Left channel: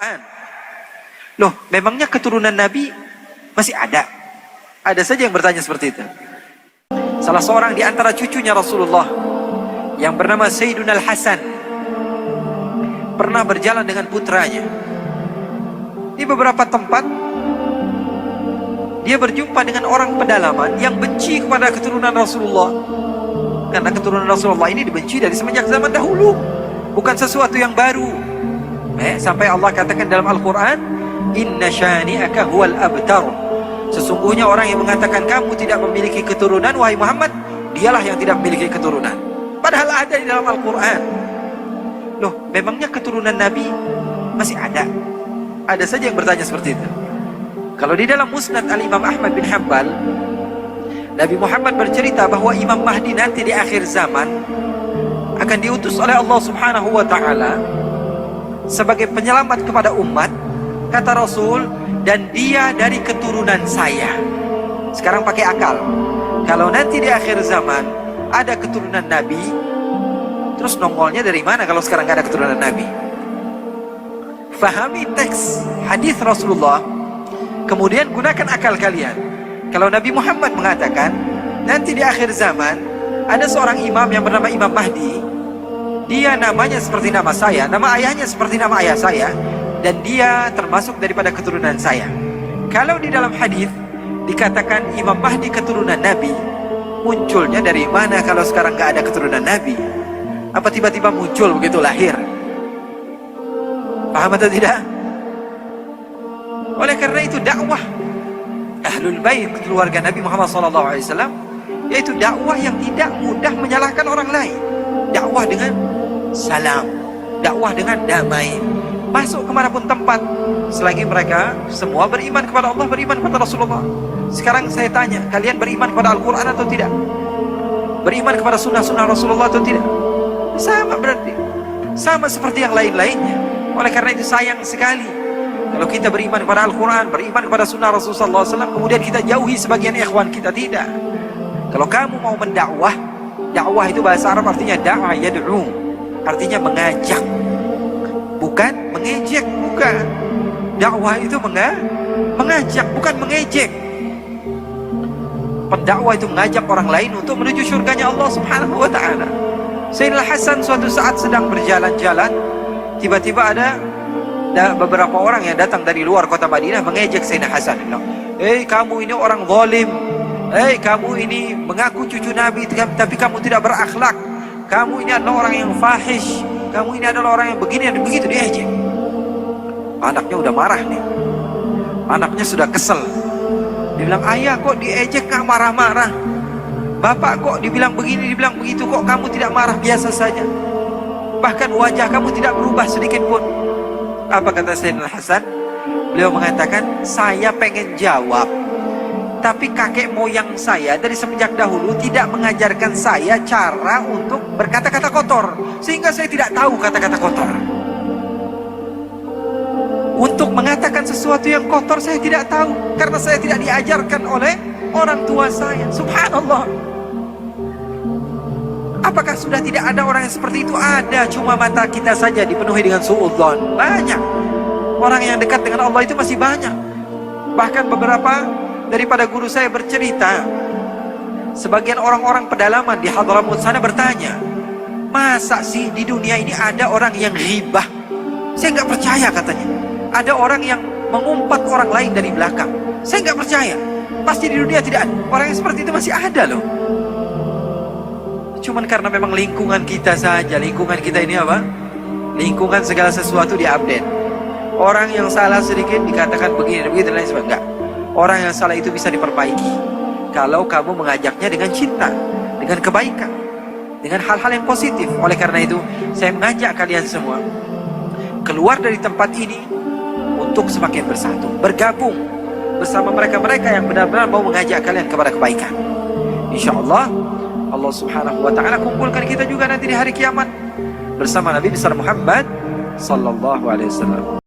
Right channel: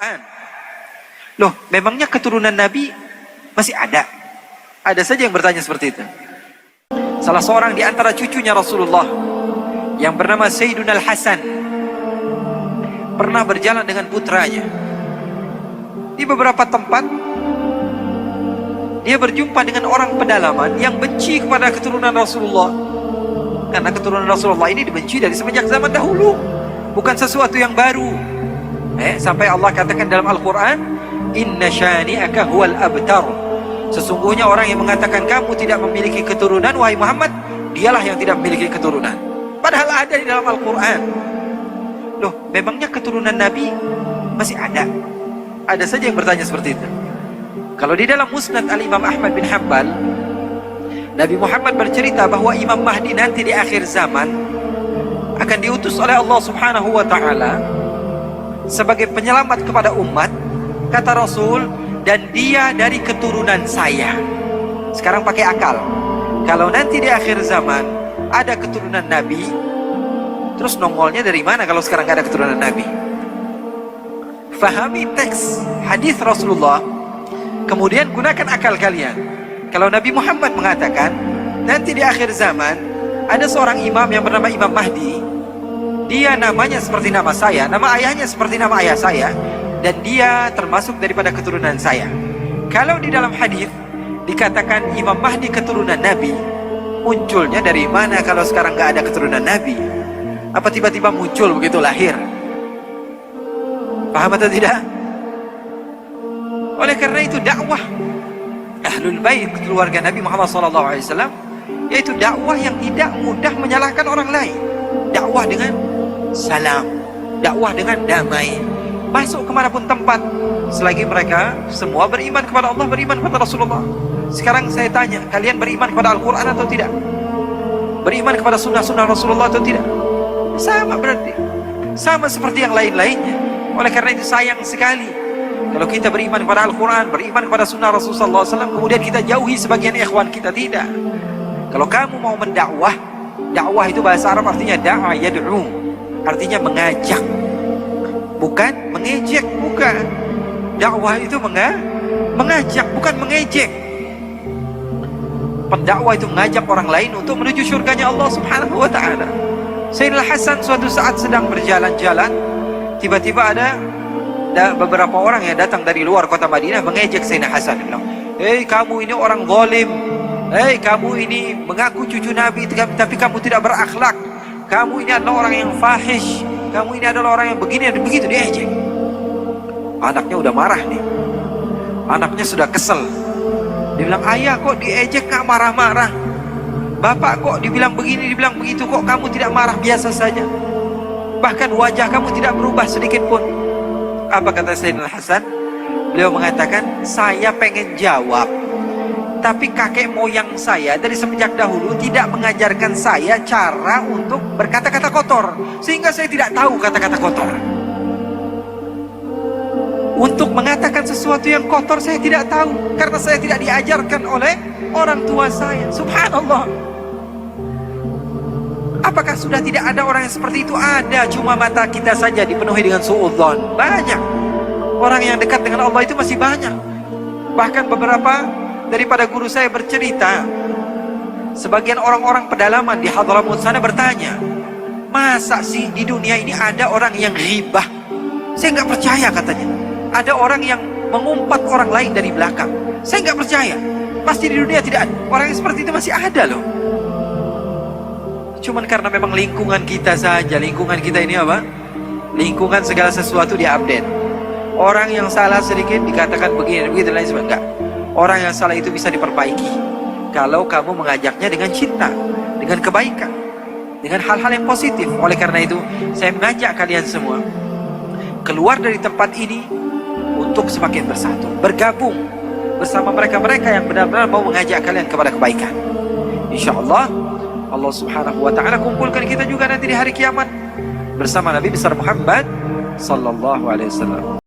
Quran. Loh, memangnya keturunan Nabi masih ada? Ada saja yang bertanya seperti itu. Salah seorang di antara cucunya Rasulullah yang bernama Sayyiduna Al-Hasan pernah berjalan dengan putranya. Di beberapa tempat dia berjumpa dengan orang pedalaman yang benci kepada keturunan Rasulullah. Karena keturunan Rasulullah ini dibenci dari semenjak zaman dahulu, bukan sesuatu yang baru. Sampai Allah katakan dalam Al-Quran, Inna syani'aka huwal abtar. Sesungguhnya orang yang mengatakan kamu tidak memiliki keturunan, wahai Muhammad, dialah yang tidak memiliki keturunan. Padahal ada di dalam Al-Quran. Loh, memangnya keturunan Nabi masih ada? Ada saja yang bertanya seperti itu. Kalau di dalam Musnad Al-Imam Ahmad bin Hanbal, Nabi Muhammad bercerita bahwa Imam Mahdi nanti di akhir zaman akan diutus oleh Allah Subhanahu wa ta'ala sebagai penyelamat kepada umat. Kata Rasul, dan dia dari keturunan saya. Sekarang pakai akal. Kalau nanti di akhir zaman ada keturunan Nabi, terus nongolnya dari mana kalau sekarang gak ada keturunan Nabi? Fahami teks hadis Rasulullah, kemudian gunakan akal kalian. Kalau Nabi Muhammad mengatakan nanti di akhir zaman ada seorang imam yang bernama Imam Mahdi, dia namanya seperti nama saya, nama ayahnya seperti nama ayah saya, dan dia termasuk daripada keturunan saya. Kalau di dalam hadis dikatakan Imam Mahdi keturunan Nabi, munculnya dari mana kalau sekarang gak ada keturunan Nabi? Apa tiba-tiba muncul begitu lahir? Paham atau tidak? Oleh karena itu dakwah Ahlul Bait keluarga Nabi Muhammad SAW yaitu dakwah yang tidak mudah menyalahkan orang lain. Dakwah dengan salam, dakwah dengan damai, masuk kemanapun tempat selagi mereka semua beriman kepada Allah, beriman kepada Rasulullah. Sekarang saya tanya, kalian beriman kepada Al-Quran atau tidak? Beriman kepada sunnah-sunnah Rasulullah atau tidak? Sama berarti, sama seperti yang lain-lainnya. Oleh karena itu sayang sekali kalau kita beriman kepada Al-Quran, beriman kepada sunnah Rasulullah SAW, kemudian kita jauhi sebagian ikhwan kita. Tidak. Kalau kamu mau mendakwah, dakwah itu bahasa Arab artinya da'a yad'u, artinya mengajak, bukan mengejek. Bukan. Dakwah itu mengajak, bukan mengejek. Pendakwah itu mengajak orang lain untuk menuju surganya Allah Subhanahu wa ta'ala. Sayyidina Hasan suatu saat sedang berjalan-jalan, tiba-tiba ada beberapa orang yang datang dari luar kota Madinah mengejek Sayyidina Hasan. Dia bilang, "Hei, kamu ini orang zalim. Hei, kamu ini mengaku cucu Nabi tapi kamu tidak berakhlak. Kamu ini adalah orang yang fahish. Kamu ini adalah orang yang begini dan begitu." Diejek. Anaknya udah marah nih. Anaknya sudah kesel. Dia bilang, "Ayah kok diejek gak marah-marah? Bapak kok dibilang begini, dibilang begitu, kok kamu tidak marah biasa saja? Bahkan wajah kamu tidak berubah sedikit pun." Apa kata Sayyidina Hasan? Beliau mengatakan, "Saya pengen jawab, tapi kakek moyang saya dari semenjak dahulu tidak mengajarkan saya cara untuk berkata-kata kotor, sehingga saya tidak tahu kata-kata kotor. Untuk mengatakan sesuatu yang kotor saya tidak tahu, karena saya tidak diajarkan oleh orang tua saya." Subhanallah. Apakah sudah tidak ada orang yang seperti itu? Ada, cuma mata kita saja dipenuhi dengan suudzon. Banyak orang yang dekat dengan Allah itu masih banyak. Bahkan beberapa daripada guru saya bercerita, sebagian orang-orang pedalaman di Hadramaut sana bertanya, "Masa sih di dunia ini ada orang yang ghibah?" Saya nggak percaya, katanya. Ada orang yang mengumpat orang lain dari belakang. Saya nggak percaya. Pasti di dunia tidak ada. Orang yang seperti itu masih ada loh. Cuman karena memang lingkungan kita saja. Lingkungan kita ini apa? Lingkungan segala sesuatu diupdate. Orang yang salah sedikit dikatakan begini dan begitu dan lain sebagainya. Enggak. Orang yang salah itu bisa diperbaiki kalau kamu mengajaknya dengan cinta, dengan kebaikan, dengan hal-hal yang positif. Oleh karena itu saya mengajak kalian semua keluar dari tempat ini untuk semakin bersatu, bergabung bersama mereka-mereka yang benar-benar mau mengajak kalian kepada kebaikan. InsyaAllah Allah Subhanahu wa ta'ala kumpulkan kita juga nanti di hari kiamat bersama Nabi besar Muhammad sallallahu alaihi wasallam.